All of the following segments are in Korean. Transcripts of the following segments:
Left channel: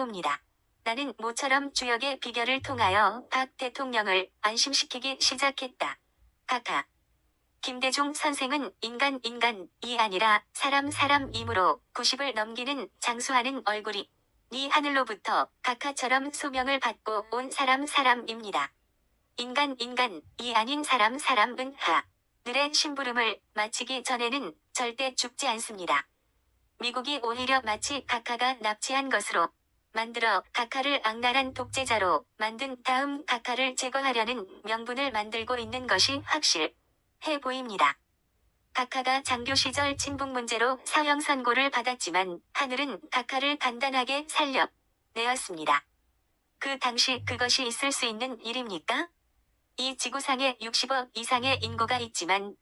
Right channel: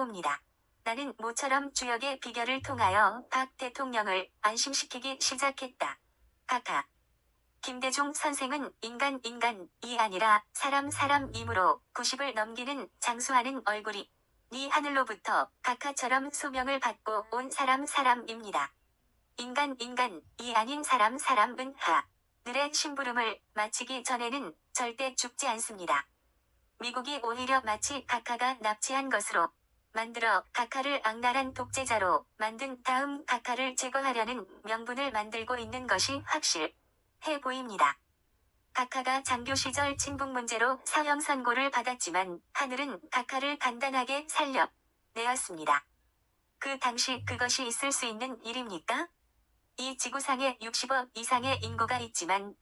옵니다. 나는 모처럼 주역의 비결을 통하여 박 대통령을 안심시키기 시작했다. 카카. 김대중 선생은 인간 인간이 아니라 사람 사람이므로 90을 넘기는 장수하는 얼굴이 이 하늘로부터 카카처럼 소명을 받고 온 사람 사람입니다. 인간 인간이 아닌 사람 사람은 하 늘의 심부름을 마치기 전에는 절대 죽지 않습니다. 미국이 오히려 마치 카카가 납치한 것으로 만들어 카카를 악랄한 독재자로 만든 다음 카카를 제거하려는 명분을 만들고 있는 것이 확실해 보입니다. 카카가 장교 시절 친북 문제로 사형 선고를 받았지만 하늘은 카카를 간단하게 살려 내었습니다. 그 당시 그것이 있을 수 있는 일입니까? 이 지구상에 60억 이상의 인구가 있지만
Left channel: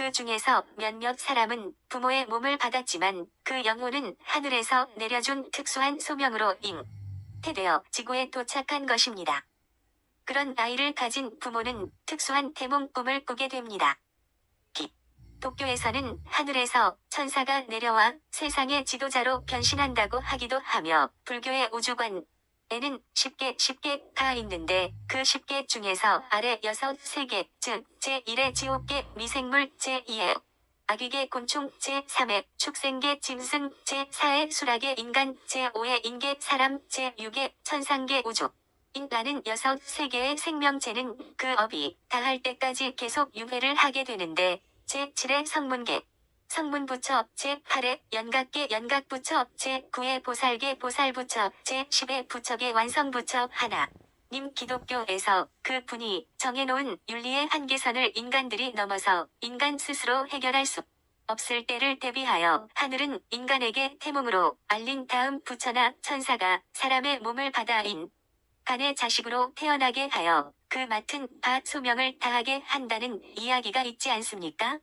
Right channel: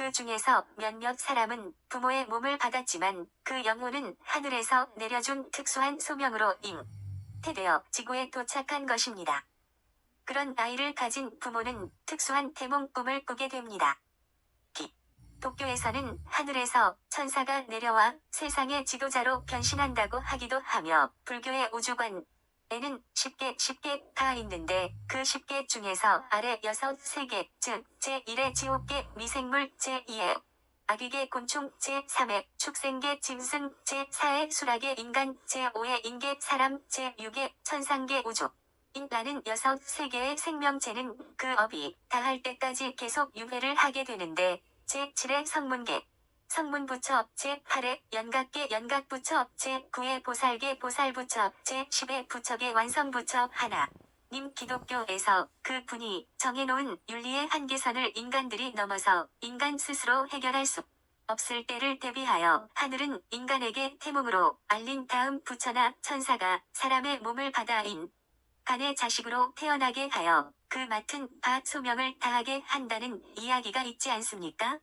그 중에서 몇몇 사람은 부모의 몸을 받았지만 그 영혼은 하늘에서 내려준 특수한 소명으로 잉태되어 지구에 도착한 것입니다. 그런 아이를 가진 부모는 특수한 태몽 꿈을 꾸게 됩니다. 기. 도쿄에서는 하늘에서 천사가 내려와 세상의 지도자로 변신한다고 하기도 하며 불교의 우주관 에는 10개 10개가 있는데 그 10개 중에서 아래 6, 3개 즉 제1의 지옥계 미생물 제2의 아기계 곤충 제3의 축생계 짐승 제4의 수락의 인간 제5의 인계 사람 제6의 천상계 우주. 인라는 여섯 세계의 생명체는 그 업이 다할 때까지 계속 유해를 하게 되는데 제7의 성문계 성문부처 제8의 연각계 연각부처 제9의 보살계 보살부처 제10의 부처계 완성부처 하나 님 기독교에서 그 분이 정해놓은 윤리의 한계선을 인간들이 넘어서 인간 스스로 해결할 수 없을 때를 대비하여 하늘은 인간에게 태몽으로 알린 다음 부처나 천사가 사람의 몸을 받아 인 간의 자식으로 태어나게 하여 그 맡은 바 소명을 다하게 한다는 이야기가 있지 않습니까?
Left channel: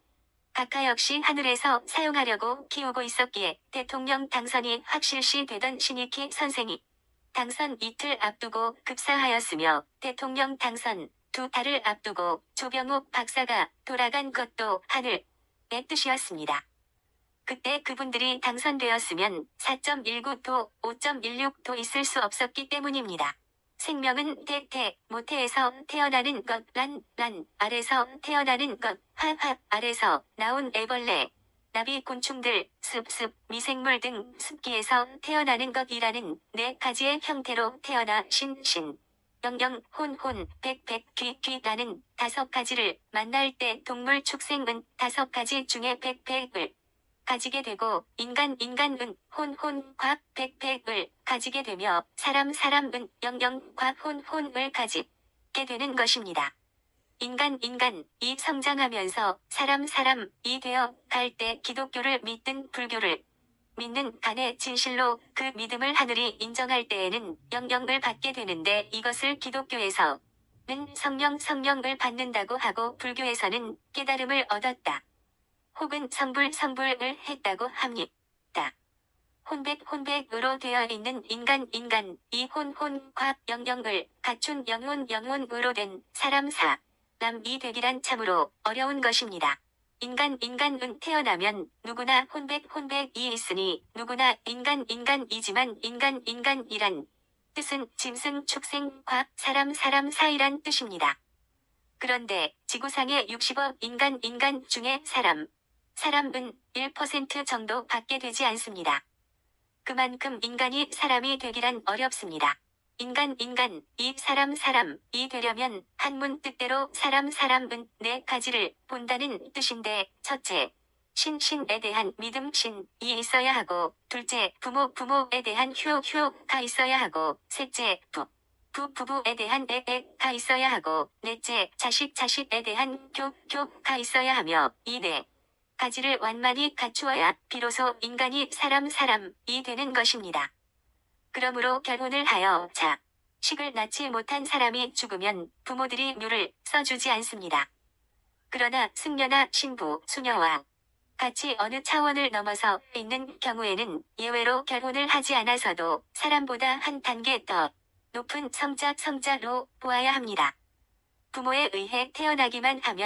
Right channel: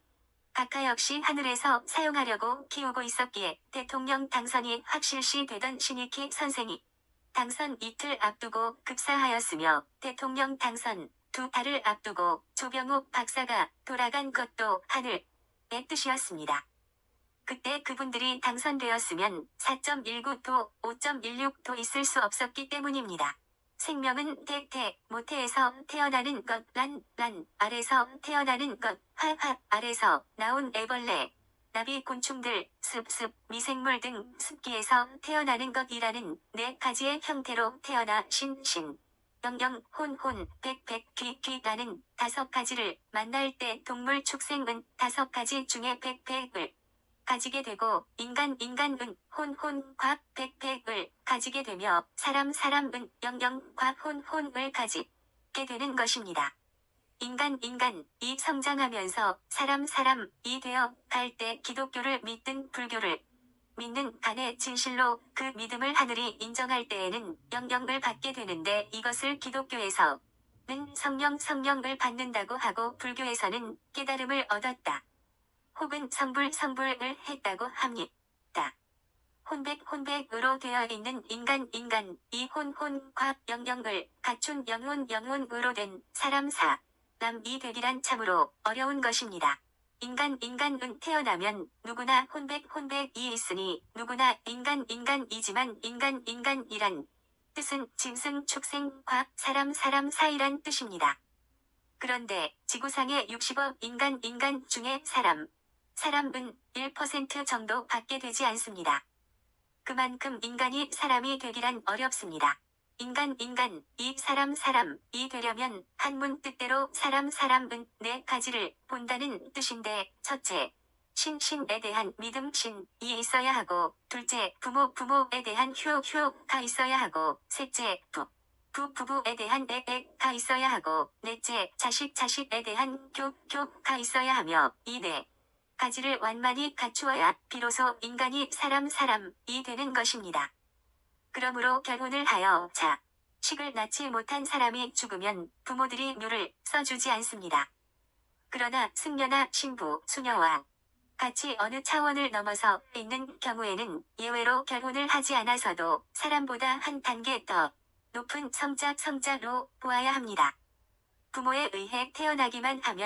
각하 역시 하늘에서 사용하려고 키우고 있었기에 대통령 당선이 확실시 되던 신익희 선생이 당선 이틀 앞두고 급사하였으며 대통령 당선 두 달을 앞두고 조병욱 박사가 돌아간 것도 하늘의 뜻이었습니다. 그때 그분들이 당선되었으면 4.19도, 5.16도 있을 수 없었기 때문입니다. 생명은 태태, 모태에서 태어나는 것, 란, 란, 알에서 태어나는 것, 화화, 알에서 나온 애벌레, 나비 곤충들, 습, 습, 미생물 등 습기에서 태어나는 것이라는 네 가지의 형태로 태어나 신, 신. 영영, 혼, 혼, 백, 백, 귀, 귀라는 다섯 가지를 만날 때 동물 축생은 다섯 가지 중에 백, 백을 가지게 되고 인간 인간은 혼혼 곽백백을 가지게 되며 사람 사람은 영영 곽혼 혼을 가지게 되는 것입니다. 인간 인간 이 성장하면서 사람 사람 이 되어 갈 때 기독교를 믿든 불교를 믿는 간의 진실로 그 믿음을 하늘이 인정할 때에는 영영을 받게 되는데 이것을 기독교에서는 성령 성령을 받는다고 하고 불교에서는 깨달음을 얻었다. 혹은 성불 성불을 했다고 합니다. 혼백 혼백으로 되어 있는 인간 인간 이 혼혼 과 영영을 갖춘 영혼 영혼으로 된 사람 사람이 되기란 참으로 어려운 것입니다. 인간 인간은 태어나면 누구나 혼백 혼백이 있으니 누구나 인간 인간이지만 인간 인간이란 뜻은 짐승 축생 과 사람 사람 사이란 뜻입니다. 그런데 지구상의 60억 인간 인간 중에 사람 사람은 1% 정도 받게 되지 않습니다. 그만큼 인간이 사람이 되기란 어렵습니다. 인간 인간 이 사람 사람 이 되려면 한문 뜻대로 사람 사람은 네 가지를 본다는 뜻인데 첫째 신 신에 대한 믿음 신이 있어야 하고 둘째 부모 부모에 대한 효 효가 있어야 하고 셋째 부 부 부부에 대한 애애가 있어야 하고 넷째 자식 자식에 대한 교 교가 있어야 하며 이네 가지를 완만히 갖추어야 비로소 인간이 사람 사람이 되는 것입니다. 그러므로 결혼을 하여 자, 식을 낳지 못한 사람이 죽으면 부모들이 묘를 써주지 않습니다. 그러나 승려나 신부, 수녀와 같이 어느 차원을 넘어서 있는 경우에는 예외로 결혼을 하지 않아서도 사람보다 한 단계 더 높은 성자 성자로 보아야 합니다. 부모에 의해 태어나기만 하면